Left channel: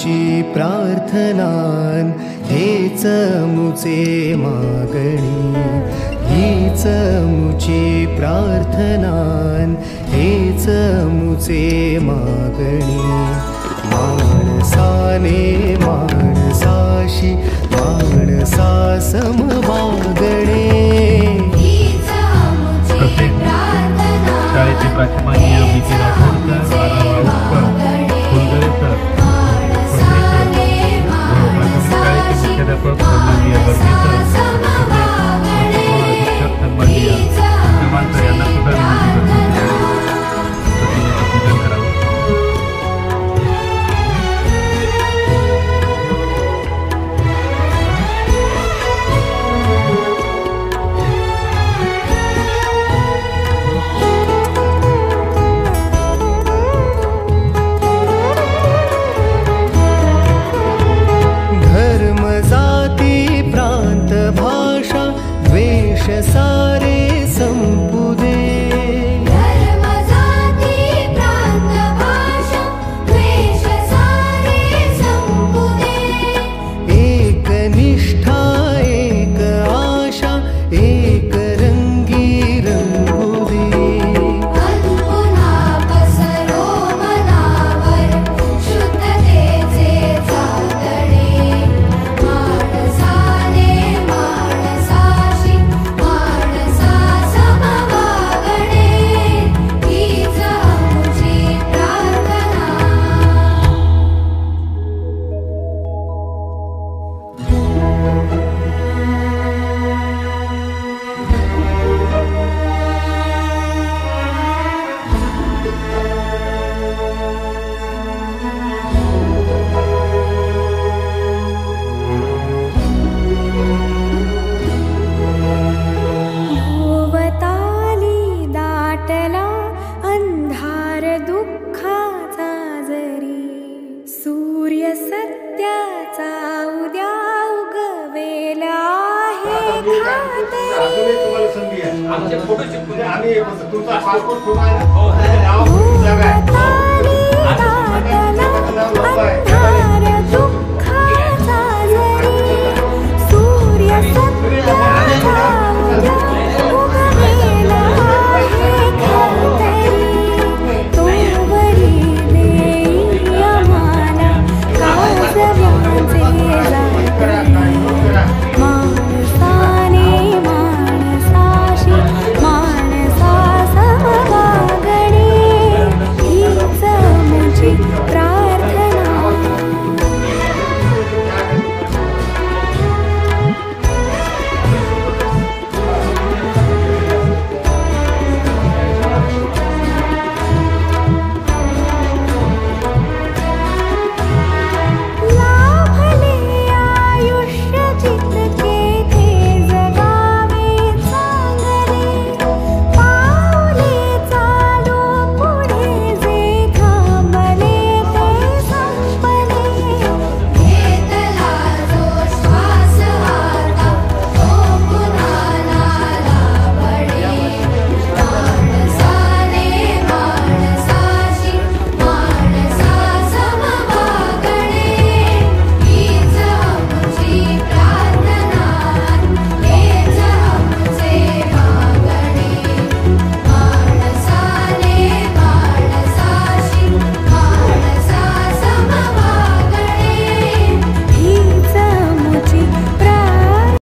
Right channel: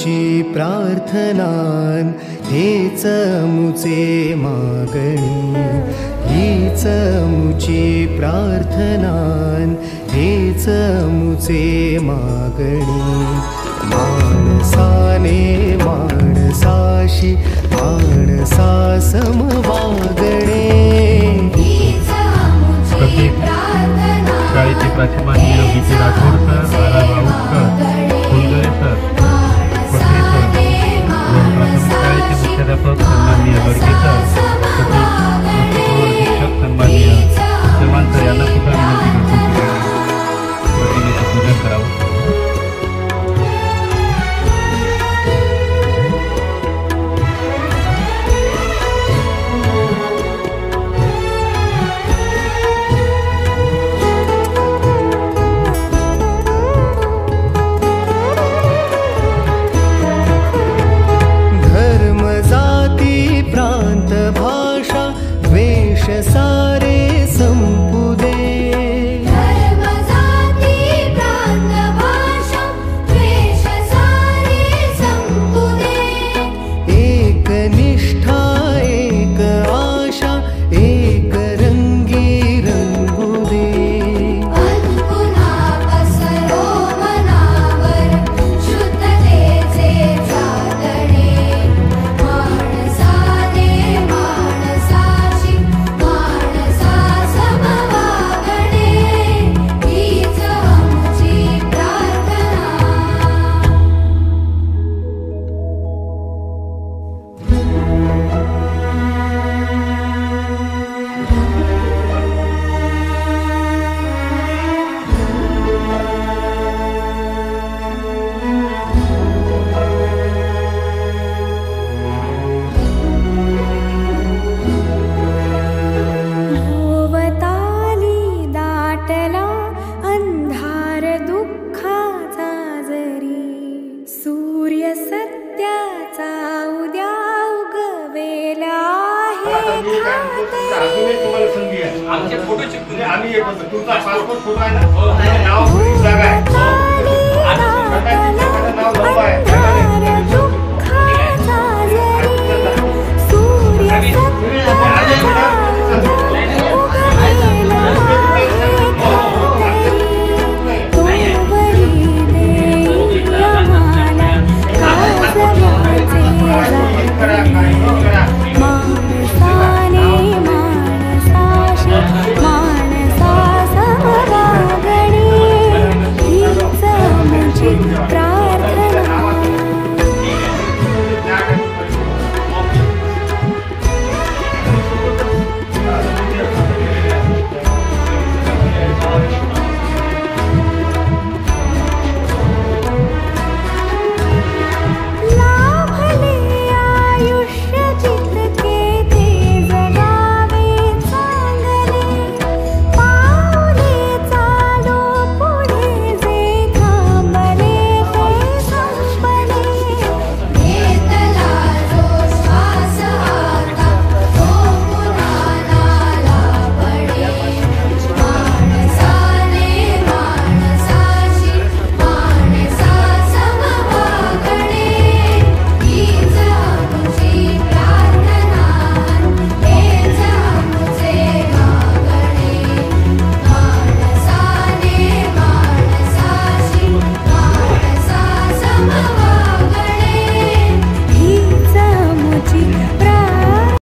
मुची प्रार्थनान हेच मुचे मागणी, हीच मुची प्रार्थनान हेच मुचे मागणी। माणसाने माणसाशी माणसा सम वागणे, शाळेचे प्राथमिक योगीचे राठोड सर, आरा वाऊटकर, फुलगरे सर, खत्री सर, प्राथमिक शाळेचे मुख्याध्यापक सन्माननीय बर्गे सर, शिक्षक सन्माननीय किमान सर यांना सुद्धा विनंती करतो प्रतिमेचं पूजन करावं। धर्म जाती प्रांत भाषा द्वेष सारे संपू दे, धर्म जाती प्रांत भाषा द्वेष सारे संपू दे। एक निष्ठा एक आशा एक रंगी रंगू दे। पुन्हा पसरो मनावर शुद्धतेचे चांदणे, माणसाने माणसाशी माणसा सम वागणे, हीच आमची प्रार्थना। भोवताली दाटला अंधार दुःखाचा जरी, सूर्य सत्याचा उद्या उगवेला आहे खातरी। भोवताली दाटला अंधार